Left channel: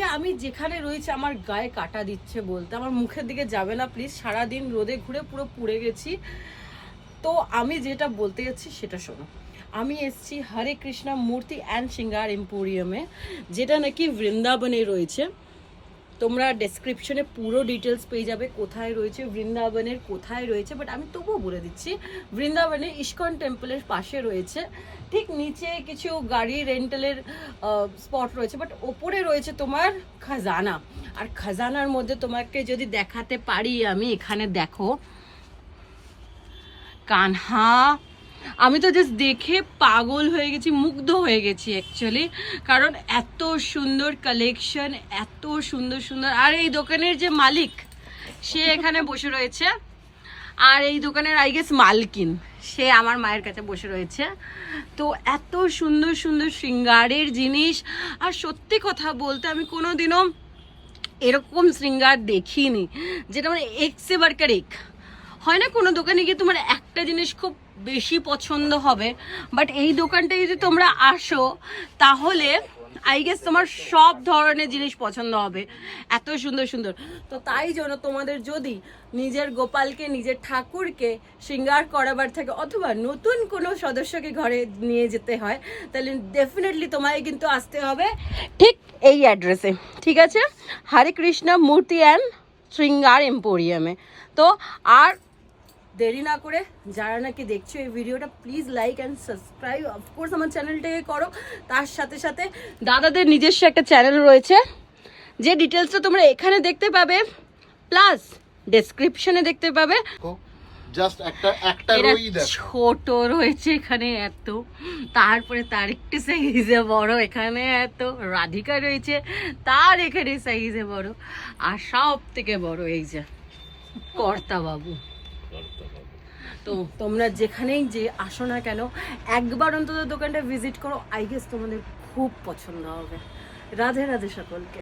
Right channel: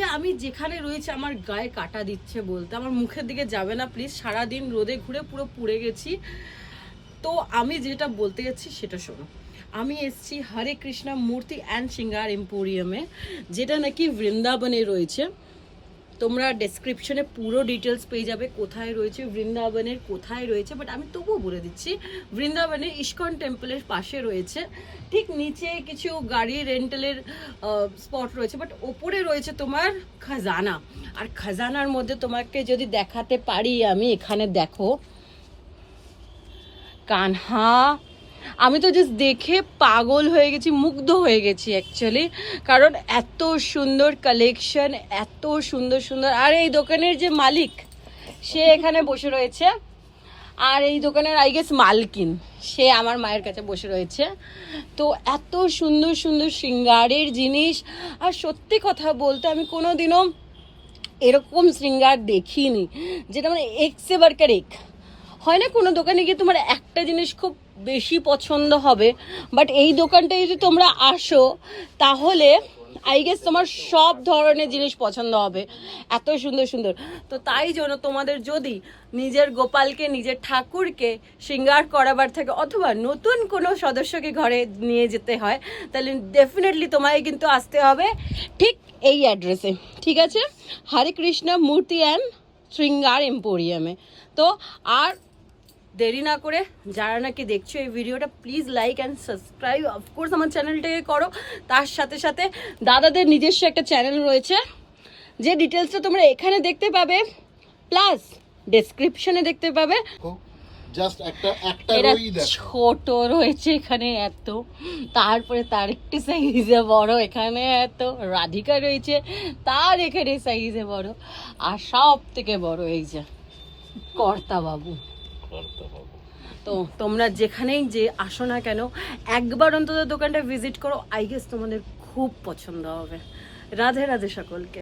আজকে আমি যেখানে রয়েছে আমার গায়ে কাটা দিচ্ছে বলতে, আমার মুখের দিকে যাবে না প্লিজ, সারাদিন রোদে ঘুরে পুরো পুড়ে গেছি। তো আমি যেটা বলতে যাচ্ছি সেটা শোনো। আমি এসেছি হরে কৃষ্ণা মূর্তি অ্যান্ড শৃঙ্গার এম্পোরিয়ামে, যেটা নাকি বৃন্দাবনে রয়েছে। তোমরা ডেসক্রিপশনে পুরো ডিটেলস পেয়ে যাবে কোথায় রয়েছে, বৃন্দাবনের কোথায় রয়েছে, বাট আমি তবুও বলে দিচ্ছি বৃন্দাবনের ইস্কন টেম্পলের পাশে রয়েছে। ঠিক নিচে কিছু গাড়ি রেন্টালের স্পট রয়েছে, বাট ওপরে রয়েছে তোমার খাজানা। আর খাজানার মধ্যে তোমাকে যদি দেখাতে পারি আমি, এখানে দেখো কানহা। আমি তো জাস্ট দেখে পাগল হয়ে গেছি, মুগ্ধ হয়ে গেছি অ্যাকচুয়ালি, কারণ এত সুন্দর কালেকশন, এত সুন্দর সুন্দর। আর এই দোকানের যে মালিক সে এখানে বসে রয়েছে, আর এই দোকানের আই গেস মালকিন সে আমার মায়ের কাছে বসে রয়েছে। তো এত সুন্দর সুন্দর শৃঙ্গারের জিনিস, আর সত্যি কথা বলতে আমি কোনোদিনও এরকম শৃঙ্গার দেখিনি, যেটা মানে এক সে বাড়কার এক হয় না। কোনো দোকানে গিয়ে তোমার একটা জিনিস খুব বেশি পছন্দ হবে, বাট এই দোকানটায় যদি তোমরা আসো তাহলে আই গেস তোমার সব ধরনের জিনিস পছন্দ হবে, এত সুন্দর সুন্দর। তো তাই জন্য তোমাদের যদি নিজের গোপালকে, নিজের ঠাকুরকে শৃঙ্গার করাবার থাকে, অথবা নতুন কোনো সদস্যকে ঘরে নিয়ে যেতে হয়, তাহলে ডেফিনেটলি তোমায় কিন্তু আসতে হবে ঠিক এই অ্যাড্রেসে, ঠিক আছে? হরে কৃষ্ণা মূর্তি অ্যান্ড শৃঙ্গার এম্পোরিয়ামে। তো আর দেরি না করে যারা নাকি দেখছো এই ভিডিওটা, please like and subscribe of course আমার চ্যানেলটাকে করো। তার সাথে সাথে দাদাদের নিজস্ব একটা চ্যানেল রয়েছে, যে ডিটেলসটা তোমরা এখানে দেখতে পাবে, প্লাস ডেসক্রিপশনে দেখতে পাবে। জাস্ট একটা রোই দেখো, ছোট রয়েছে এখানে এত, তারপরে তার একটু সাইজে বড় এখানে এত, রাধিকা রয়েছে তার এখানে সাইজে বড়, আর সব থেকে বড় এই যে কর্তা বাবু। তো তোমরা যেখানেই যে আসো না কেন, একবার অন্তত দোকানটা ভিজিট করো, আই গেস তোমাদের খুব পছন্দ হবে। রাধে রাধে সকলকে।